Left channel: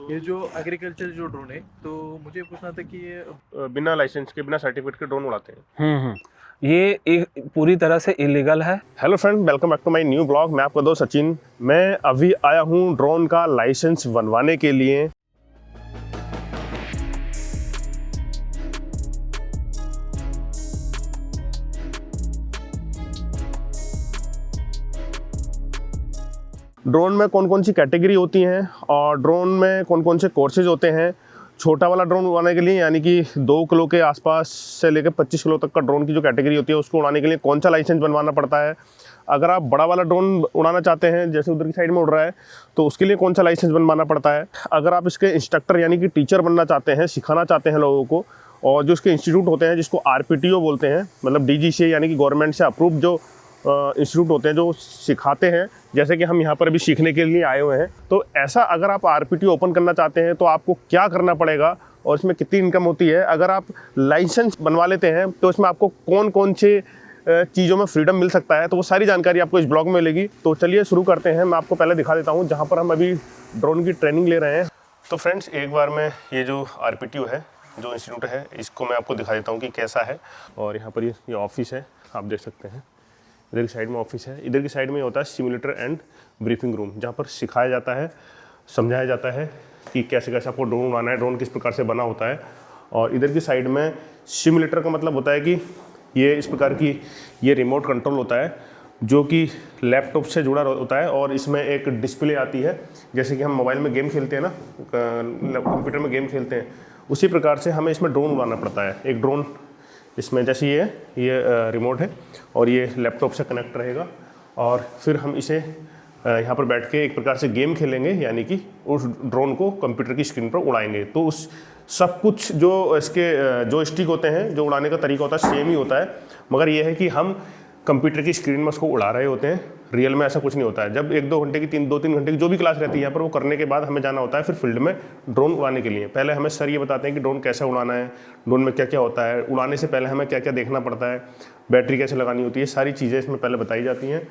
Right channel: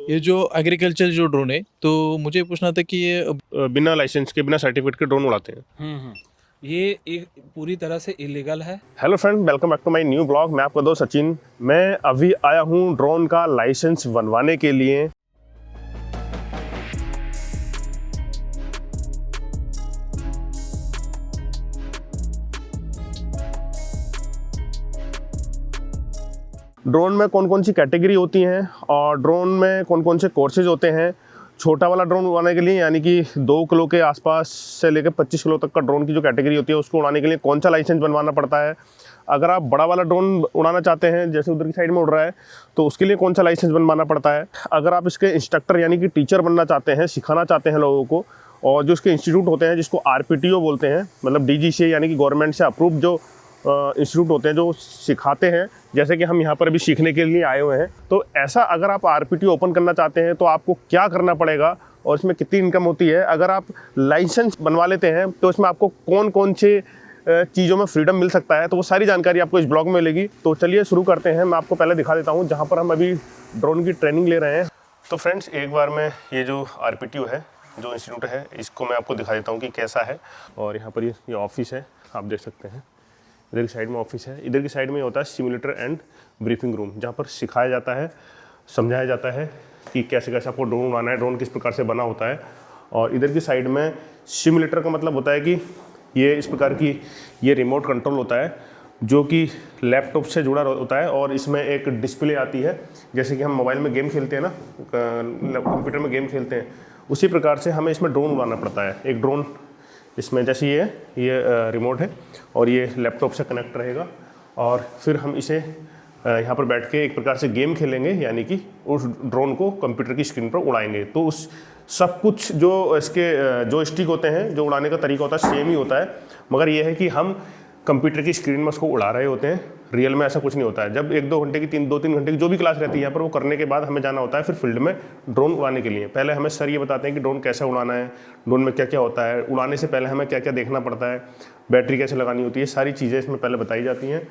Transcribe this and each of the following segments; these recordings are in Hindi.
ये जो एग्रीकल्चर जो ड्रोन है, तो मुझे पूछना था कि ये बिना लाइसेंस के, बिना सर्टिफिकेट के ड्रोन उड़ाते हैं। ये एक पूरी तरह से इलीगल है। Hello friend, welcome back to my new blog. मैं आपका दोस्त सचिन। मैं अभी आया हूँ ड्रोन का लाइसेंस बनवाने के लिए। ड्रोन में कौन कौन सी कैटेगरी होती हैं और ड्रोन में कौन कौन से कोर्सेज होते हैं। छोटा वाला ड्रोन उड़ाने के लिए यानी कि 2 किलो के आसपास से लेकर 25 किलो तक का ड्रोन की जो कैटेगरी होती है उसको उड़ाने के लिए कौन सा लाइसेंस बनवाना पड़ता है। अगर आप बड़ा वाला ड्रोन उड़ाना चाहते हैं, जैसे उधर की साइड में उड़ रहा है, तो उसके लिए कौन सा लाइसेंस बनवाना पड़ता है। अगर आप इसके इंस्ट्रक्टर यानी कि टीचर बनना चाहते हैं, सिखाना चाहते हैं लोगों को, और जो इसके इंस्टीट्यूट होते हैं जिसको RPTO बोलते हैं, मतलब DG से यानी कि गवर्नमेंट से अप्रूव जो इंस्टीट्यूट होते हैं जो सिखाते हैं, जैसे कि हम यहाँ पर अभी सीखने के लिए आए हुए हैं। तो ऐसा अगर आप RPTO ओपन करना चाहते हैं तो आपको क्या करना पड़ेगा और इसमें कितनी इनकम होती है। अगर आप लाइसेंस बनवा लेते हैं तो इसमें आपको कौन कौन से चीज़ों में फ्रीडम मिल सकता है, तो वो सारी जानकारी आपको इस ब्लॉग में मिलेगी। तो चलिए शुरू करते हैं। मैं आपको पहले दिखा देता हूँ जहाँ पर हम अभी ड्रोन की ट्रेनिंग ले रहे हैं। तो फ्रेंड्स, एक बार मैं ये जो RPTO है, जो इंस्टीट्यूट है, इसको मैं आपको दिखा देता हूँ कि कैसा है। और यहाँ पर ये ऑफिस है, आप देख सकते हैं। इधर की साइड में ऑफिस है, इधर की साइड में होता है सिमुलेटर एंड ब्रीफिंग रूम, जहाँ पर सिखाया जाता है, समझाया जाता है कि कैसे कैसे आपको ड्रोन उड़ाना है, ड्रोन किस प्रकार से बना होता है। और इधर की साइड में सिमुलेटर का मतलब होता है कि ये इस प्रकार की ये रिमोट कंट्रोल होता है जो कि लैपटॉप से जुड़ा होता है, और इसमें एक डिस्प्ले आती है। जैसे कि हम मोबाइल में गेम खेलते हैं ना, कंप्यूटर में गेम खेलते हैं, उसी प्रकार से हमें इसमें ड्रोन उड़ाना पड़ता है। एक ड्रोन इसमें जैसे ये रिमोट है और ये लैपटॉप से कनेक्ट रहेगा, और फिर हम इसे यहाँ पर बैठ के एक प्रकार से गेम खेलेंगे, यानी कि उस ड्रोन को कंप्यूटर की स्क्रीन पर उड़ाएंगे। तो उस सब कुछ जो इसके जो स्टिक होते हैं, जो उड़ाने का तरीका होता है, सेम ही होता है, मगर यह है कि हम कंप्यूटर की स्क्रीन में उसको उड़ा रहे होते हैं। रियल में ऐसा कुछ नहीं होता है। जब 1-2 घंटे की 2-3 घंटे की जो भी क्लास रहती है यहाँ पर, वो करने के बाद हमें जाना होता है फिर फील्ड में ड्रोन उड़ाने के लिए। पहले हमें सर ये बताते हैं कि ड्रोन कैसे उड़ाना है, ड्रोन में क्या क्या होता है, उड़ाने से पहले हमें क्या क्या देखना पड़ता है, बैटरी कैसे लगानी होती है, सारी चीज़ें इसमें पहले बताई जाती हैं।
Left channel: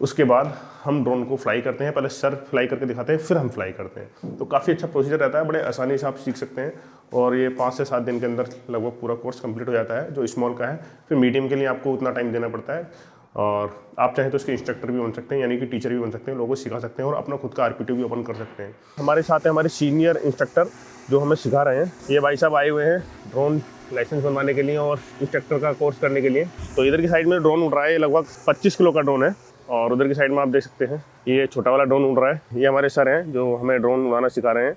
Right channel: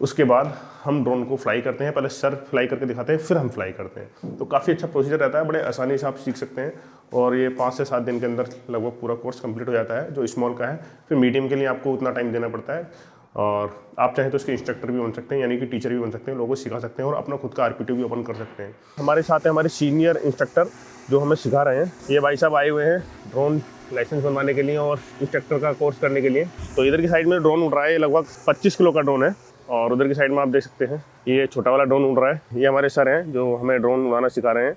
उसके बाद हम ड्रोन को फ्लाई करते हैं। पहले सर फ्लाई करके दिखाते हैं, फिर हम फ्लाई करते हैं। तो काफ़ी अच्छा प्रोसीजर रहता है, बड़े आसानी से आप सीख सकते हैं। और ये 5 से 7 दिन के अंदर लगभग पूरा कोर्स कंप्लीट हो जाता है, जो स्मॉल का है। फिर मीडियम के लिए आपको उतना टाइम देना पड़ता है, और आप चाहें तो इसके इंस्ट्रक्टर भी बन सकते हैं, यानी कि टीचर भी बन सकते हैं, लोगों को सिखा सकते हैं और अपना खुद का RPTO भी ओपन कर सकते हैं। हमारे साथ हैं हमारे सीनियर इंस्ट्रक्टर जो हमें सिखा रहे हैं। ये भाई साहब आए हुए हैं ड्रोन लाइसेंस बनवाने के लिए और इंस्ट्रक्टर का कोर्स करने के लिए। तो इधर की साइड में ड्रोन उड़ रहा है, लगभग 25 किलो का ड्रोन है, और उधर की साइड में आप देख सकते हैं ये छोटा वाला ड्रोन उड़ रहा है। ये हमारे सर हैं जो हमें ड्रोन उड़ाना सिखा रहे हैं।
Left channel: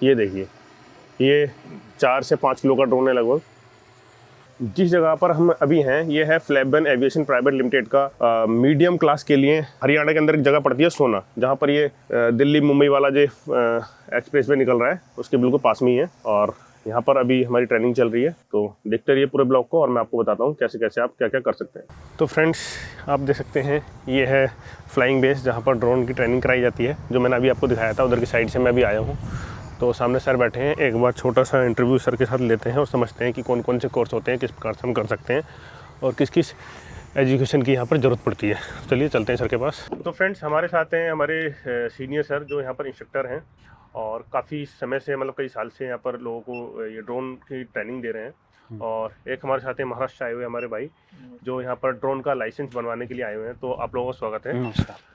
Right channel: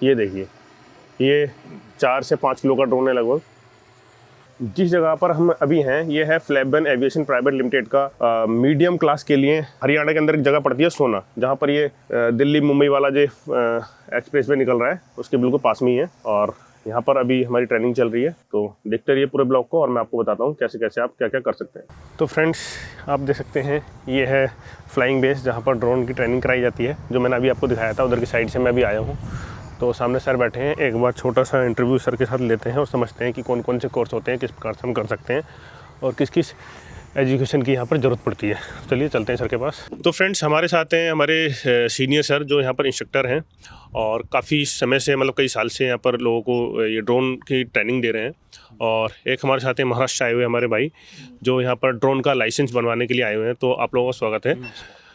ये देखिए, ये 4 से 5 किलो का ड्रोन है लगभग। जिस जगह पर हम अभी हैं, ये है फ्लैबन एविएशन प्राइवेट लिमिटेड का मीडियम क्लास के लिए। हरियाणा के अंदर एक जगह पड़ती है सोना, जहाँ पर ये दिल्ली मुंबई वाला जो एक्सप्रेस वे निकल रहा है उसके बिल्कुल पास में ही है। और यहाँ पर अभी हमारी ट्रेनिंग चल रही है। तो देखते रहिए पूरे ब्लॉग को, और मैं आपको बताता हूँ कैसे कैसे आप क्या क्या कर सकते हैं। तो फ्रेंड्स, आप देख सकते हैं ये है फ्लाइंग बेस, जहाँ पर ड्रोन की ट्रेनिंग कराई जाती है, जो मैंने अभी आपको दिखाया था। उधर की साइड से मैं अभी आया हूँ। तो सामने सर बैठे हैं। एक बार छोटा सा इंटरव्यू सर के साथ लेते हैं और समझते हैं कि कौन कौन से कोर्स होते हैं, किस प्रकार से हम कर सकते हैं, और किस किस एजुकेशन की यहाँ पर ज़रूरत पड़ती है। चलिए चलते हैं सर के पास। तो फ्रेंड्स, हमारे साथ हैं हमारे सीनियर सर जो यहाँ पर इंस्ट्रक्टर हैं, और काफ़ी समय से, मतलब कई साल से यहाँ पर लोगों को ये ड्रोन की ट्रेनिंग दे रहे हैं। और एक हमारे साथ हैं महाराष्ट्र आए हुए हमारे भाई, जो यहाँ पर ड्रोन का लाइसेंस बनवाने के लिए आए हुए हैं। तो आप लोगों का स्वागत है।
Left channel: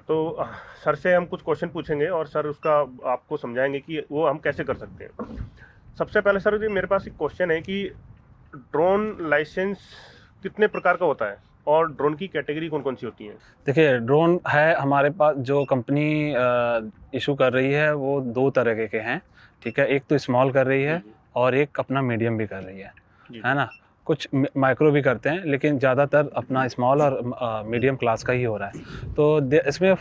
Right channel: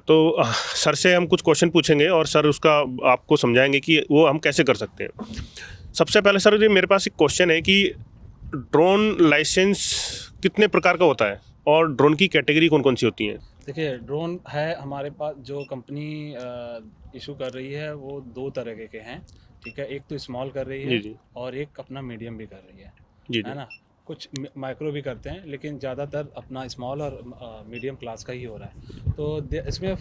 तो सर से हम कुछ क्वेश्चन पूछेंगे और सर उसका आपको समझाएंगे कि वो हम कैसे कर सकते हैं। सबसे पहले सर, ये मेरे पास एक क्वेश्चन है कि ड्रोन लाइसेंस कितने प्रकार का होता है और ड्रोन की कैटेगरी कौन कौन सी होती है। देखिए, ड्रोन है हमारे पास, जो कंपनी इशू कर रही है वो 2 तरह के हैं। ठीक है, एक तो स्मॉल कर रही है और एक अपना मीडियम भी कर रही है ना। कुछ माइक्रो भी करते हैं, लेकिन ज़्यादातर अपना स्मॉल और मीडियम क्लास का ही हो रहा है। तो इसमें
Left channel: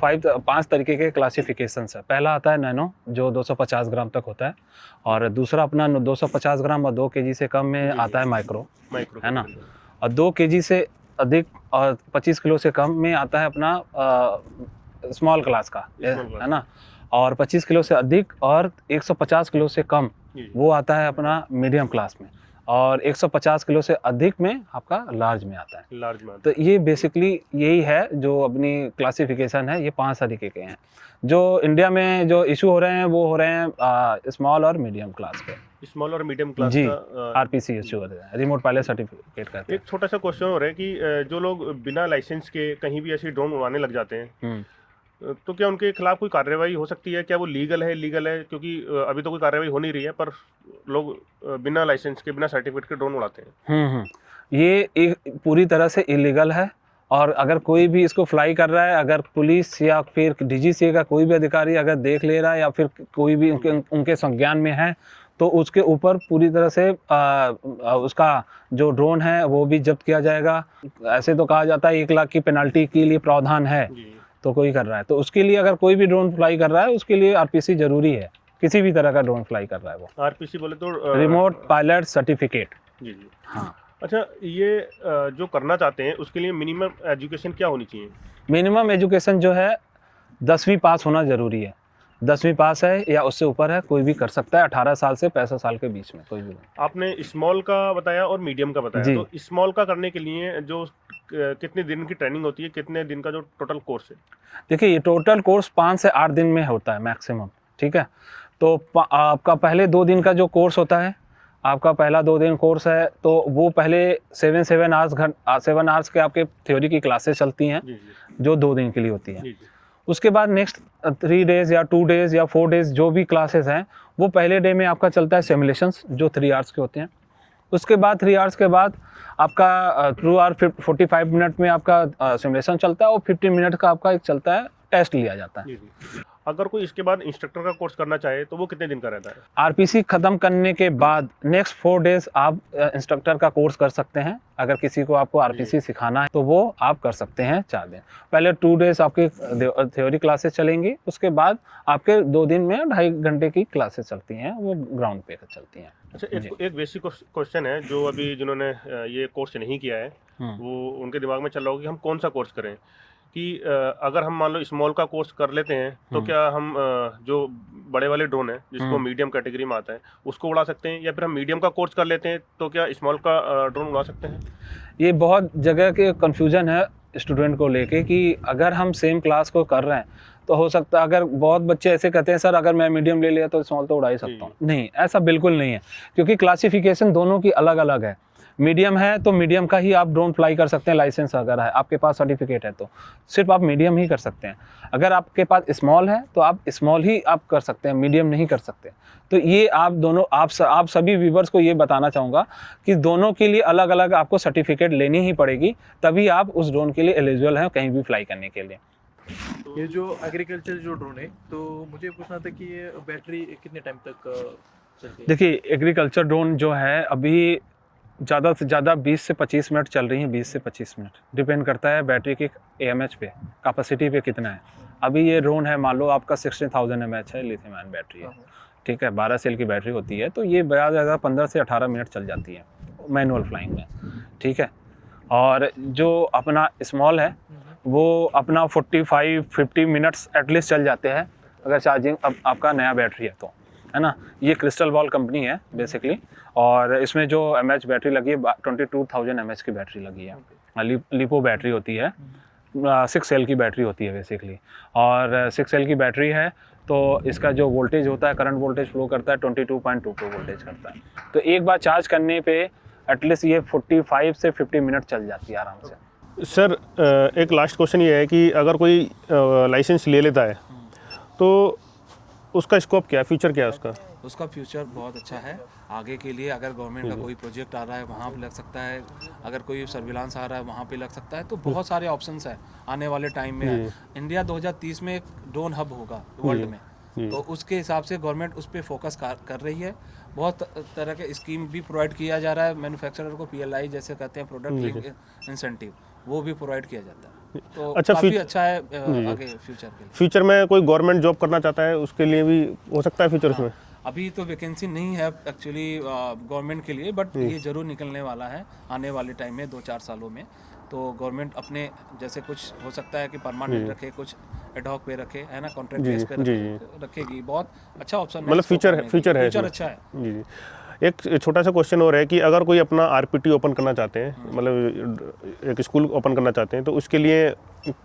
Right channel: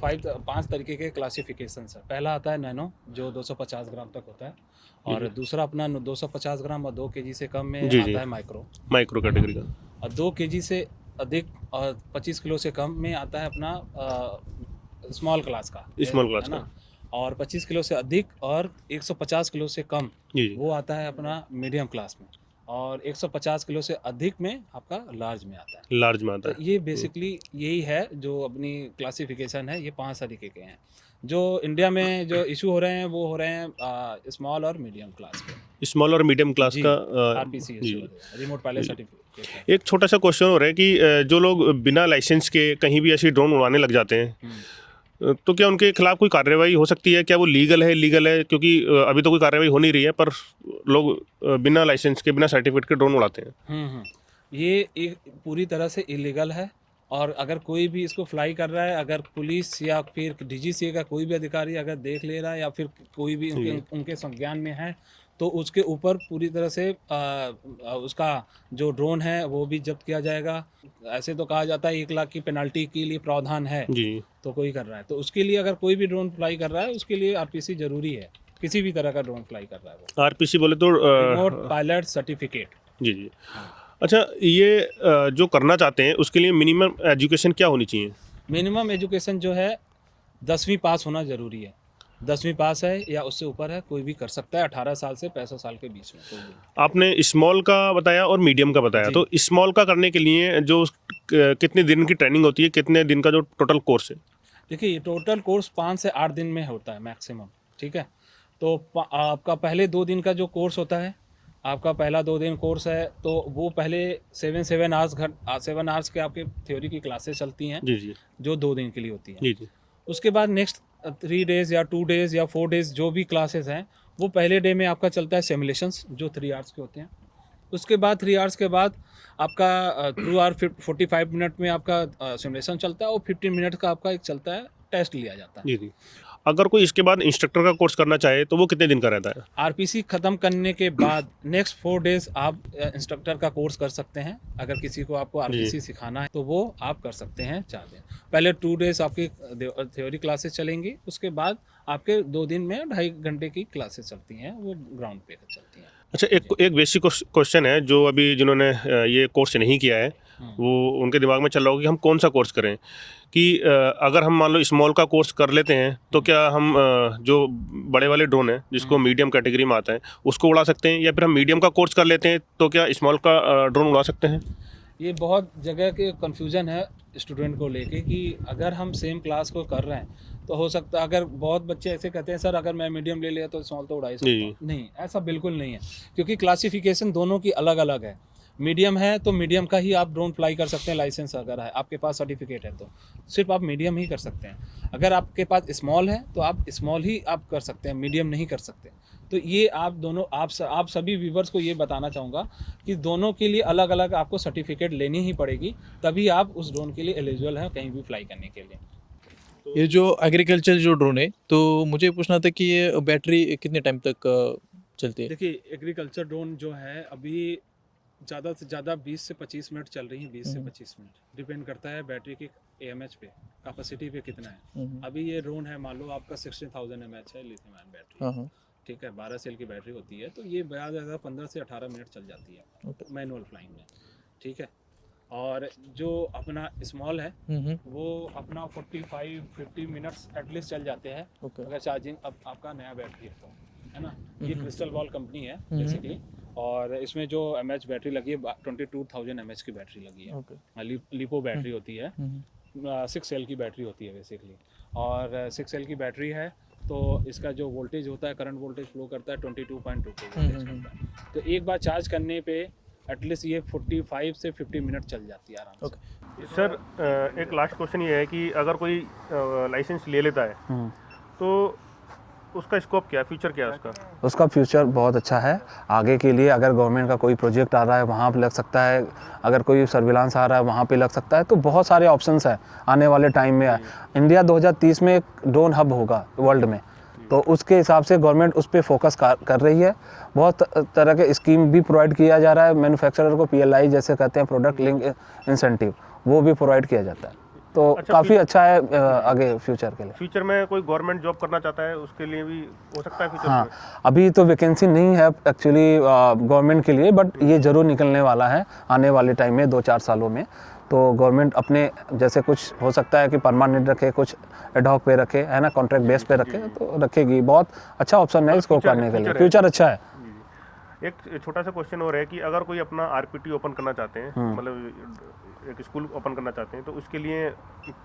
5 तरीके के क्लासिफिकेशंस है। पहला आता है नैनो, जो 250 ग्राम तक होता है, और दूसरा अपना 250 ग्राम और 2 kg से कम में आता है माइक्रो कैटेगरी का, और 2 kg से अधिक और 25 किलो से कम में आता है अपना स्मॉल क्लास का, है ना। और 25 किलो से अधिक और 150 किलो से कम वो आता है अपना मीडियम क्लास में। और 150 किलो से अधिक में आपका लार्ज में आता है। लार्ज में आता तो ये बेसिकली यही है जो अपनी क्लासिफिकेशन है, ये 5 तरीके के हैं। जो इंडिया में जो इशू हो रहे हैं वो हो रहे हैं स्मॉल और मीडियम क्लास के, है। स्मॉल और मीडियम क्लास जी, का आरपीसी इशू हो रहा है, रिमोट पायलट सर्टिफिकेट का। एक छोटा सा क्वेश्चन हो रहा है कि जो लोग बिना लाइसेंस के कहीं भी ऐसी ड्रोन उड़ाने लग जाते हैं, तो क्या उनके खिलाफ कोई कार्रवाई हो सकती है? क्या वो लीगल है, इलीगल है? क्योंकि अभी तो कोई कार्रवाई हो नहीं रही है, पर लोग बिना लाइसेंस के, बिना सर्टिफिकेट के ड्रोन उड़ाते हैं। ये एक पूरी तरह से इलीगल है, और अगर कोई भी इसको फ्लाई कर रहा है, अगर पुलिस या फिर डीजीसीए का कोई भी अधिकारी अगर देख ले रहा है या फिर कोई भी उनके संज्ञान में है, तो उसके ऊपर पूरी तरह से उसका जो ड्रोन है वो भी जब्त किया जाएगा। ऐसे तो कहा जाता है 1 लाख की पेनल्टी के लिए प्रावधान है, जी। तो कोई कर रहा है तो उसके लिए, अगर कोई भी ड्रोन फ्लाई कर रहा है उसके लिए आरपीसी जरूरी है। किसी भी तरह का ड्रोन फ्लाई कर रहा है वो, आरपीसी बोले तो रिमोट पायलट सर्टिफिकेट। जी जी। हाँ। अच्छा, ये जो करना चाहते हैं उसके लिए मिनिमम एजुकेशन क्या होनी चाहिए? मिनिमम एजुकेशन जो है 10वीं पास होना ज़रूरी है। 10वीं पास है या उससे ऊपर है, कोई भी कर सकता है 18 साल से 65 साल के बीच में कोई भी। आपने स्मॉल का बताया और मीडियम का बताया, तो स्मॉल का करने के लिए जो कितने दिन की ट्रेनिंग होती है, कितने दिन का जो टोटल कोर्स है? देखिए, ये टोटल कोर्स 5 से 8 दिन में होता है मैक्सिमम, ठीक है। तो आपका पहले 2 दिन का जो कोर्स होता है, आपका पहला 2 दिन कोर्स है, तो वो पहले 7 आवर्स के आपके थ्योरी की क्लासेस चलती हैं, जी जी जो 2 दिन के लिए होती है। जी जी। उसके बाद नेक्स्ट 3 डेज़ या 2 डेज़ या 4 डेज़ जो भी क्लासेस हैं, वो पहले डे में आपका चलता है सिमुलेशंस, जो 3 आवर्स के होते हैं। उसके बाद 3 आवर्स के बाद आपका 2 आवर 45 मिनट में आपका सिमुलेशन चलता है, और 15 मिनट का आपका एक चलता है, टेस्ट लिया जाता है। जी जी। अगर कोई इसके बाद इंस्ट्रक्टर का कोर्स करना चाहे तो वो कितने दिन का रहता है? आरपीसी ख़त्म करने के बाद नेक्स्ट 4 डेज़ आप इंस्ट्रक्टर का कोर्स कर सकते हैं। अगर किसी को आपको आरपीसी सिखाना है तो वो आप कर सकते हैं 4 दिन। पहले 2 डेज़ आपके थ्योरी क्लासेस चलेंगी, उसके बाद आपके 2 दिन में 2.5 घंटे की क्लासेस चलती हैं, वो ग्राउंड पे चलती हैं। अच्छा, एक बेसिक क्वेश्चन है जो अभी जिन्होंने ये कोर्स नहीं किया है, वो उनके दिमाग में चल रहा होगा कि हम कौन सा कोर्स करें, कि अगर हम मान लो स्मॉल का कोर्स कर लेते हैं तो क्या हम जो बड़े वाले ड्रोन है जिसको मीडियम कैटेगरी में आता है उसको उड़ा सकते हैं, या फिर हम मीडियम का कोर्स कर लेते हैं तो क्या स्मॉल का ड्रोन उड़ा सकते हैं? ये बहुत जगह के कन्फ्यूजन है स्टूडेंट को लेके, कि अगर हम सेम क्लास को कर रहे हैं तो हो सकता है, अगर बहुत बच्चे ऐसे कहते हैं सर अगर मैं मीडियम ले लिया तो स्मॉल तो उड़ा ही सकता हूँ। नहीं, ऐसा बिल्कुल नहीं है, क्योंकि क्लासिफिकेशन दोनों की अलग अलग है। मीडियम है तो मीडियम का ही आप ड्रोन फ्लाई कर सकते हैं, लाइसेंस अगर है आपके पास, सर्टिफिकेट है तो सिर्फ आप मीडियम ही कर सकते हैं। अगर आपके पास स्मॉल है तो आप स्मॉल ही आप कर सकते हैं, मीडियम नहीं कर सकते। तो ये आप दोनों, आप सभी व्यूवर्स को ये बताना चाहूँगा कि दोनों के लिए अलग अलग आपको सर्टिफिकेट लेनी ही पड़ेगी, तभी आप उस ड्रोन के लिए एलिजिबल हैं कहीं भी फ्लाई करने के लिए। ये जो एग्रीकल्चर जो ड्रोन है, तो मुझे पूछना था कि ये बैटरी कितने टाइम तक चलती है? देखिए, एग्रीकल्चर ड्रोन जो है अभी ज़्यादा से ज़्यादा 20 से 25 मिनट चल रही हैं, 20 से 25 मिनट, डिपेंड करता है बैटरी के AMH पे, कैपेसिटी पे कितना है। अभी ये ड्रोन है, मान लो आपका 60,000 mAh है, लिथियम आयन बैटरी है, ठीक है, 12 सेल की बैटरी होती है, तो ये ज़्यादा 15 से 18 मिनट चल जाती है मैनुअल फ्लाइंग में, ठीक है। और जो अपना स्मॉल है वो अपना 45-50 मिनट्स एटलीस्ट चल जाते हैं, अगर चार्जिंग आपका नया बैटरी है तो, है ना। ये क्रिस्टल बॉल कंपनी है बेसिकली, और इसमें जो MH बैटरी लगी है 22,000 mAh की बैटरी लगी है। लिपो बैटरी होती है, 6 सेल की बैटरी होती है बेसिकली, और 6 सेल की बैटरी है तो इसका जो वोल्टेज होता है, करंट वोल्टेज फ्लो करता है 22.22 वोल्टेज करता है। तो एक बार चार्ज करने पे एटलीस्ट ये 45 से 50 मिनट चल जाती है आराम से। सर, एक लास्ट क्वेश्चन ये है कि अगर कोई लाइसेंस ले लेता है तो उसका स्कोप क्या है, फ्यूचर क्या है उसका? उसका फ्यूचर बहुत अच्छा है आगे के लिए। अगर गवर्नमेंट का कोई प्रोजेक्ट आ रहा है वहाँ पे लग सकता है, अगर कोई सर्विलांस आ रहा है वहाँ पे लग सकता है, तो बहुत सारे ऑप्शंस हैं आने वाले टाइम में। इंडिया 2030 में एक ड्रोन हब होगा वर्ल्ड में, तो उसके हिसाब से गवर्नमेंट उस पर फोकस कर रही है। बहुत तरह के स्कीम भी प्रोवाइड किया जा रहा है मैन्युफैक्चरर को, PLI जैसे कहते हैं, प्रोडक्ट लिंक इंसेंटिव, वो भी प्रोवाइड किया जाता है। तो अच्छा, काफ़ी अच्छा है आगे फ्यूचर के लिए। फ्यूचर में कोई गवर्नमेंट जॉब करना चाहता है उसके लिए भी हो सकता है फ्यूचर में? अभी तो वैकेंसी नहीं है एक्चुअली गवर्नमेंट के लिए, बट ये ज़रूर निकलने वाला है आने वाले टाइम में, 2-4 सालों में। तो गवर्नमेंट अपने जैसे कुछ हो सकता है कि परमानेंट रखे, कुछ एडहॉक पे रखे, है ना, कॉन्ट्रैक्ट बेस पे रखे, तो रखेगी। बहुत अच्छा ऑप्शन है, फ्यूचर फ्यूचर अच्छा है। एक छोटा सा क्वेश्चन और है कि अगर कोई अपना आरपीटी ओपन करना चाहते हैं, मतलब एक स्कूल ओपन करना चाहते हैं, तो उसके लिए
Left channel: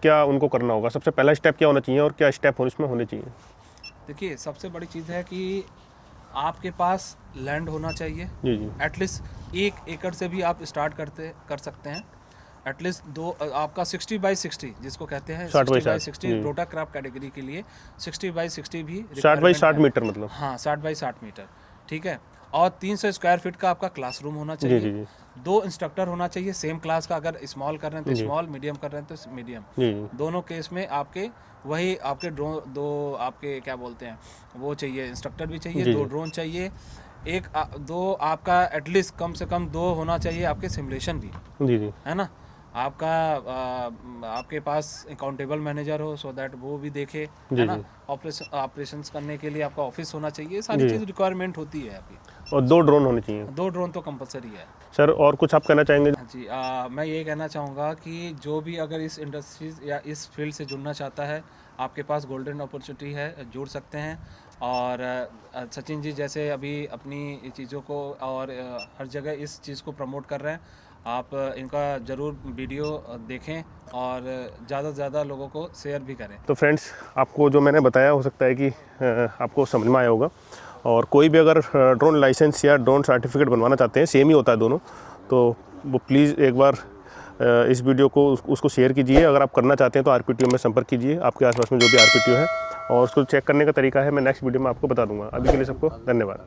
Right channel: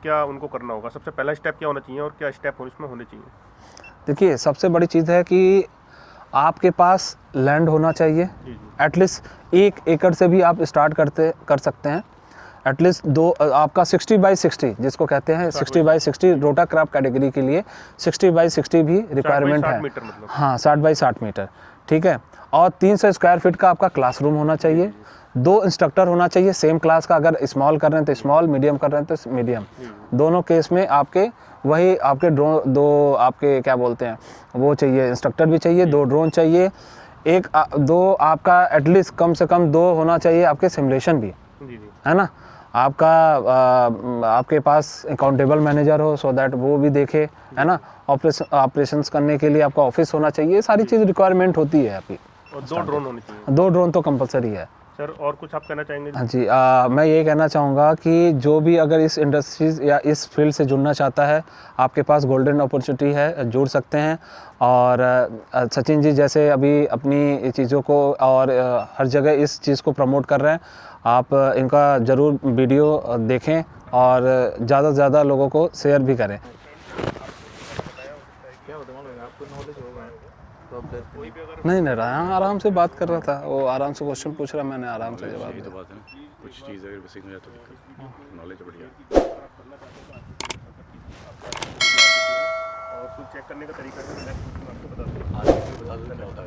क्या उनको करना होगा? सबसे पहला स्टेप क्या होना चाहिए और क्या स्टेप इसमें होने चाहिए? देखिए, सबसे बड़ी चीज़ है कि आपके पास लैंड होना चाहिए। जी जी। एटलीस्ट 1 एकड़ से भी आप स्टार्ट कर सकते हैं। एटलीस्ट आपका 60 बाई 60 जिसको कहते हैं, 60 बाई 60 रोटा क्रॉप कैटेगरी के लिए 60 बाई 60 भी रिक्वायरमेंट है। 60 मीटर मतलब? हाँ, 60 बाई 60 मीटर, ठीक है। और 300 स्क्वायर फीट का आपका क्लासरूम होना चाहिए। 2 इंस्ट्रक्टर होना चाहिए सेम क्लास का। अगर स्मॉल कर रहे हैं तो स्मॉल, मीडियम कर रहे हैं तो मीडियम। दोनों केस में आपके वही आपके दो आपके क्या बोलते हैं वो चाहिए, इंस्ट्रक्टर भी चाहिए, 2 ड्रोन चाहिए, 2 आपका एटलीस्ट कम से कम 2 होना चाहिए आपके सिमुलेशन भी। जी जी। है ना, आपका आपके पास अकाउंटेबल मैनेजर हो, सो दैट वो भी देखे, है ना। ऑपरेशंस करने के लिए आपका ऑफिस होना चाहिए। सारी चीज़ रिक्वायरमेंट होती है आपकी। और 2 ड्रोन होने चाहिए? 2 ड्रोन तो कंपलसरी है सर। और कुछ आप कहना चाहेंगे? हाँ जी, मैं ये कहना चाहूँगा कि जो भी अगर इस इंडस्ट्रीज या इस फील्ड से जुड़ना चाहता है, आपके पास गोल्डन अपॉर्चुनिटी है, जुड़ सकते हैं। और सचिन जी जैसे अभी अपनी चीज़ों को और हर जगह इस चीज़ को प्रमोट कर रहे हैं, आप इनका ज़रूर वीडियो देखें और ज़्यादा से ज़्यादा लोगों को शेयर भी करें। तो फ्रेंड्स, आपको जो मैंने बताया हो सकता है कि आपको समझ में आया होगा। और कोई भी अगर ड्रोन लाइसेंस या ड्रोन सर्टिफिकेट बनवाना चाहते हैं, सेम ही होता है दोनों, तो वो प्लीज़ एक बार इस वीडियो को उसको शेयर कीजिए। अगर आप करना चाहते हैं तो आरपीटीओ में संपर्क कीजिए, आपके आसपास में जो भी आरपीटीओ है, और उसको चेक करने का तरीका है मैं नेक्स्ट वीडियो में आपको बता दूंगा। अभी के लिए सबको धन्यवाद।